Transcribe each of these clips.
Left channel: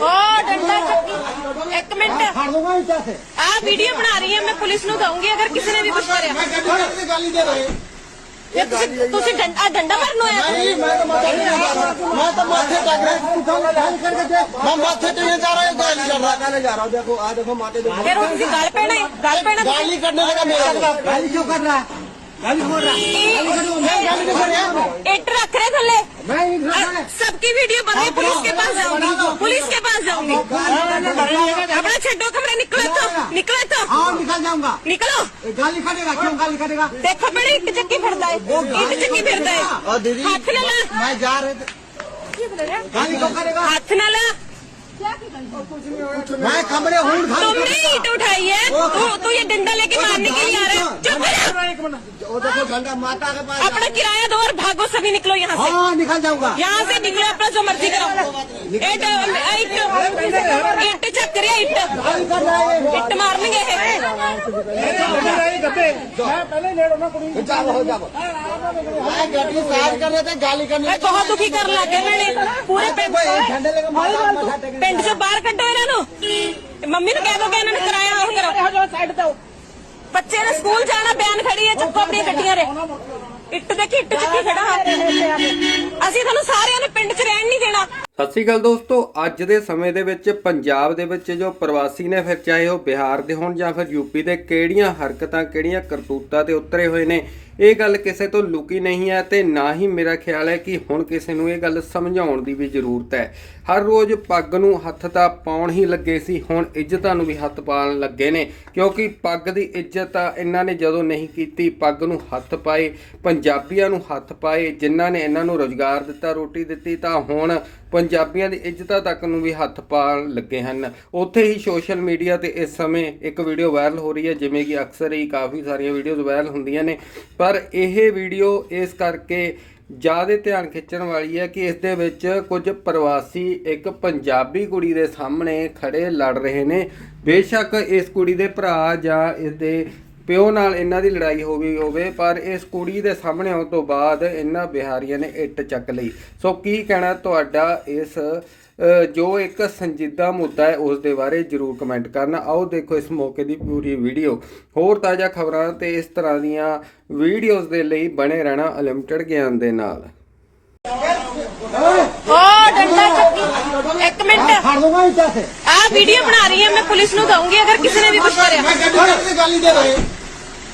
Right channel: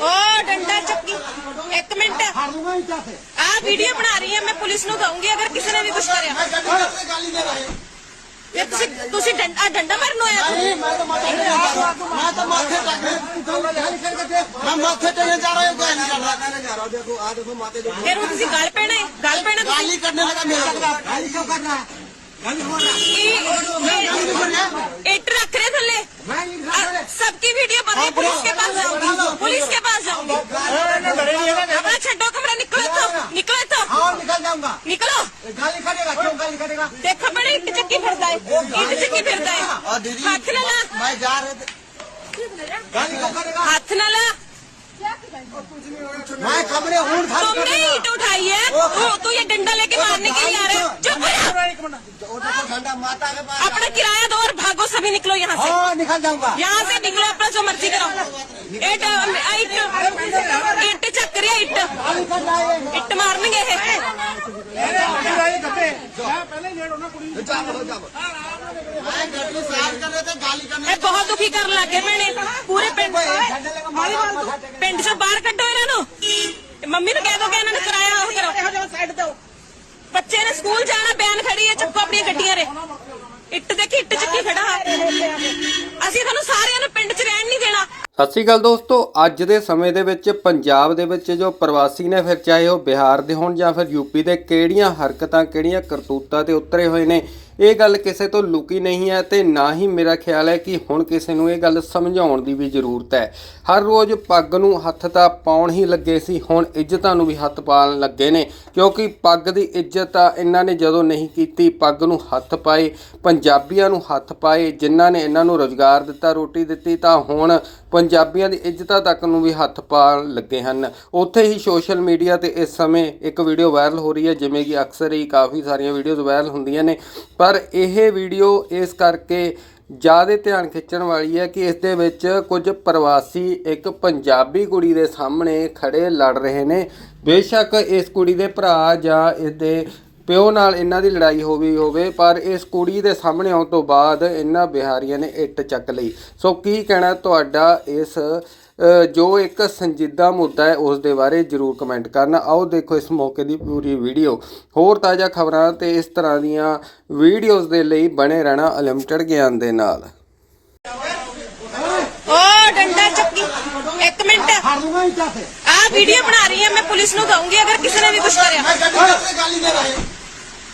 हाँ, एक minute. Video बना रही है मैं पुलिस अगर किसी ने भी कुछ डंडा माथे गाली करने माथे गल गल गाली करने मेरा गाली क्यों कर रहा है रख रहे थले सबकी वीडियो बन रही पुलिस के पास जाऊँगी पुलिस के पास जाऊँगी। अपना छो कमरा निकलो तो निकलो तो। निकल जाऊँगा। निकलो। देखो बड़ी इट चक्की फिर चक्की फिर हाथ ना ला। मैं जा रहे हाथ ना ला। मैं कमरे हूँ तुमने ईट उठाई है? तो, तो ये डंडा लेके मारने के लिए आ रहे हो। अपने किराया दो और भागो सभी निकलो यहाँ से। हाँ निकल जाऊँगा। यहाँ से निकलो अपना जो मर्ज़ी करो। इट इट चेक है इट इट मारने गए ਬਹੁਤ ਦੁਖੀ ਕਰਨ ਪਿੰਡ ਪਿੰਡ ਬਾਹਰ ਕੱਢੋ ਇਹਨਾਂ ਨੂੰ ਮੰਮੀ ਨੂੰ ਕਹਿ ਦੋ ਕਿ ਇਹਨਾਂ ਨੇ ਬੱਚੇ ਨੇ ਸਕੂਲ ਜਾਣਾ ਬੈਨ ਖੜੀ ਹੈ, ਚੁੱਪ ਆਪਣੀਆਂ ਗੱਡੀਆਂ ਰੇ ਇੱਟ ਦੇ ਇੱਟ ਚੁੱਕੀ ਖੜਾ। ਸਤਿ ਸ਼੍ਰੀ ਅਕਾਲ ਦੋਸਤੋ, ਅੱਜ ਦੇ ਸਮੇਂ ਦੇ ਵਿੱਚ ਪੰਜਾਬ ਦੇ ਵਿੱਚ ਜੋ ਪ੍ਰਵਾਸੀ ਨੇ ਫਿਰ ਚਾਹੇ ਉਹ ਬਿਹਾਰ ਦੇ ਹੋਣ ਜਾਂ ਫਿਰ ਯੂਪੀ ਦੇ ਕਿਹੜੀਆਂ ਹਰਕਤਾਂ, ਕਿਹੜੀਆਂ ਕਰਤੂਤਾਂ ਤੇ ਉਤਰੇ ਹੋਏ ਨੇ ਇਹ ਗੱਲ ਕਿਸੇ ਤੋਂ ਲੁਕੀ ਨਹੀਂ ਹੈ ਤੇ ਨਾ ਹੀ ਮੇਰਾ ਖਿਆਲ ਹੈ ਕਿ ਹੁਣ ਕਿਸੇ ਨੂੰ ਇਹ ਗੱਲ ਸਮਝਾਉਣ ਦੀ ਵੀ ਜ਼ਰੂਰਤ ਹੈ। ਹਰ ਰੋਜ਼ ਪੱਗ ਨੂੰ ਹੱਥ ਤਾਂ ਪਾਉਣ ਹੀ ਲੱਗੇ ਸੀ, ਹੁਣ ਇੱਜ਼ਤਾਂ ਨੂੰ ਵੀ ਹੱਥ ਪਾਉਣ ਲੱਗੇ ਨੇ। ਕਿਉਂਕਿ ਪੱਗ ਦੀ ਇੱਜ਼ਤ ਤਾਂ ਇਹਨਾਂ ਨੇ ਜਦੋਂ ਨਹੀਂ ਕੀਤੀ, ਪੱਗ ਨੂੰ ਹੱਥ ਪਾਏ, ਪੰਜਾਬੀਆਂ ਨੂੰ ਹੱਥ ਪਾਏ, ਜਿਨ੍ਹਾਂ ਨੇ ਇਹਨਾਂ ਨੂੰ ਰੋਜ਼ਗਾਰ ਦਿੱਤਾ, ਰੋਟੀ ਦਿੱਤੀ, ਤਾਂ ਹੁਣ ਪੰਜਾਬੀਆਂ ਦੀ ਇੱਜ਼ਤਾਂ ਤੱਕ ਨੂੰ ਵੀ ਹੱਥ ਪਾਉਣ ਲੱਗੇ ਹਨ। ਉੱਥੇ ਹੀ ਸੋਸ਼ਲ ਮੀਡੀਆ ਤੇ ਇਸ ਸਮੇਂ ਇੱਕ ਵੀਡੀਓ ਵਾਇਰਲ ਹੋ ਰਹੀ ਹੈ, ਜਿਵੇਂ ਕਿ ਅਕਸਰ ਹੀ ਕਾਫੀ ਸਾਰੀਆਂ ਵੀਡੀਓਜ਼ ਵਾਇਰਲ ਹੁੰਦੀਆਂ ਨੇ। ਪਰ ਪਰ ਇਹ ਵੀਡੀਓ ਇਸ ਕਰਕੇ ਜ਼ਿਆਦਾ ਧਿਆਨ ਖਿੱਚਣ ਵਾਲੀ ਹੈ ਕਿ ਇਸ ਦੇ ਵਿੱਚ ਕੁਝ ਪ੍ਰਵਾਸੀ ਇੱਕ ਪੰਜਾਬੀ ਕੁੜੀ ਦੇ ਸਾਹਮਣੇ ਖੜੇ ਲੜ ਰਹੇ ਨੇ। ਬੇਸ਼ੱਕ ਇਸ ਕੁੜੀ ਦੇ ਭਰਾ ਜਾਂ ਇਸ ਦੇ ਪਿਓ ਨਾਲ ਇਹਨਾਂ ਦੀ ਲੜਾਈ ਹੋ ਗਈ ਹੋਵੇ, ਪਰ ਇਸ ਕੁੜੀ ਦੇ ਸਾਹਮਣੇ ਆਉਣ ਤੋਂ ਬਾਅਦ ਇਹਨਾਂ ਬਿਹਾਰੀਆਂ ਨੇ ਇੱਟ ਚੱਕ ਲਈ। ਸੋ ਕੀ ਕਹਿਣਾ ਤੁਹਾਡਾ ਇਸ ਜੋ ਇੱਕ ਸੰਜੀਦਾ ਮੁੱਦਾ ਹੈ ਉਸ ਦੇ ਬਾਰੇ ਜਰੂਰ ਕਮੈਂਟ ਕਰਨਾ ਆਓ ਦੇਖੋ ਇਸ ਮੌਕੇ ਦੀ ਪੂਰੀ ਵੀਡੀਓ ਹੋਰ ਤਾਜ਼ਾ ਖਬਰਾਂ ਤੇ ਇਸ ਤਰ੍ਹਾਂ ਦੀਆਂ ਵੀਡੀਓਜ਼ ਦੇ ਲਈ ਬਣੇ ਰਹਿਣਾ ਅਨਲਿਮਟਿਡ ਗਿਆਨ ਦੇ ਨਾਲ ਓ ਡੰਡਾ ਚੱਕੀ ਇੱਕ ਮਿੰਟ ਫੜ ਦੂੰਗਾ ਇੱਥੇ ਸੇ ਆ ਵੀਡੀਓ ਬਣਾ ਰਹੀ ਹਾਂ ਮੈਂ ਪੁਲਿਸ ਨੂੰ ਦਊਂਗੀ ਅਗਰ ਕਿਸੇ ਨੇ ਵੀ ਕੁਝ ਕਰਿਆ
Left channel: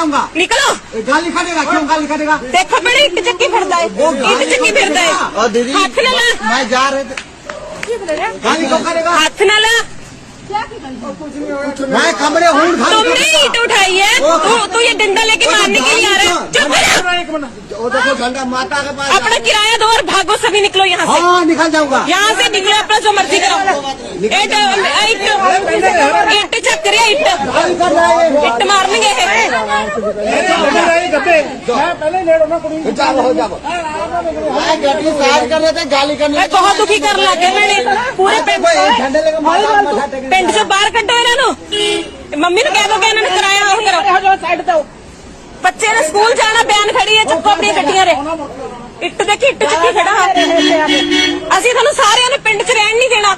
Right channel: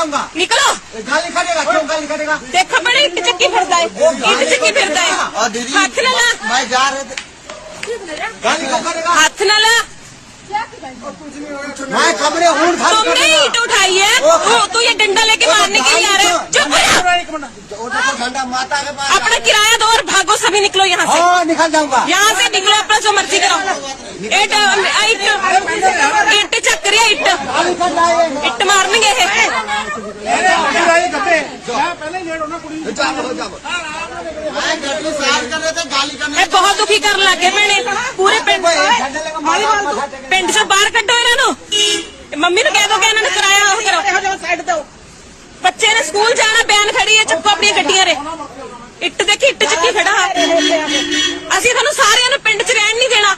हाँ निकल जाऊंगा निकलो ये गाली करेगा क्यों गाली करेगा देखो बड़ी ਇੱਟ ਚੱਕੀ ਫਿਰਦਾ ਹੈ ਇੱਟ ਚੱਕੀ ਫਿਰਦਾ और ਹੈ दीदी ਹੱਥ ਨਾ ਲਾ मैं जा रहे थे गाली क्यों करेगा हथ ना ला मैं कमरे हूँ तुमने ईट उठाई है तू तू ये डंडा लेके मारने के लिए आ रहे हो चुप करो वो देखो झंडा माता के पास अपने किराया दो और भागो सभी निकलो यहाँ से हाँ निकल जाऊंगा यहाँ से ਆਪਣਾ ਸਮਰਥੀ ਕਰੋ। ਇਹ ਤਾਂ ਇੱਟ ਇੱਟ ਚੱਕ ਰਿਹਾ ਇੱਟ। ਇੱਟ ਮਾਰਨਗੇ ਇਹ। ਇਹ ਬਹੁਤ ਦੁਖੀ ਕਰਨ ਲੱਗੇ ਮੈਨੇ ਪੂਰੇ ਪਿੰਡ ਪਿੰਡ ਬਾਹਰ ਕੱਢੋ ਇਹਨਾਂ ਨੂੰ। ਮੰਮੀ ਨੂੰ ਕਹਿ ਦੋ ਕਿ ਇਹਨਾਂ ਨੂੰ ਕਰਿਆ ਇਹ ਕਰੋ ਬੱਚੇ ਨੇ ਸਕੂਲ ਜਾਣਾ ਬੈਨ ਖੜੀ ਹੈ ਚੁੱਪ ਆਪਣੀਆਂ ਗੱਡੀਆਂ ਰੇ ਇੱਟ ਦੇ ਇੱਟ ਚੱਕੀ ਖੜਾ ਅਸੀਂ ਤੁਹਾਨੂੰ ਸਾਰਿਆਂ ਨੂੰ ਪਿੰਡ 'ਚ ਰਹਿਣ ਨਹੀਂ ਦੇਣਾ।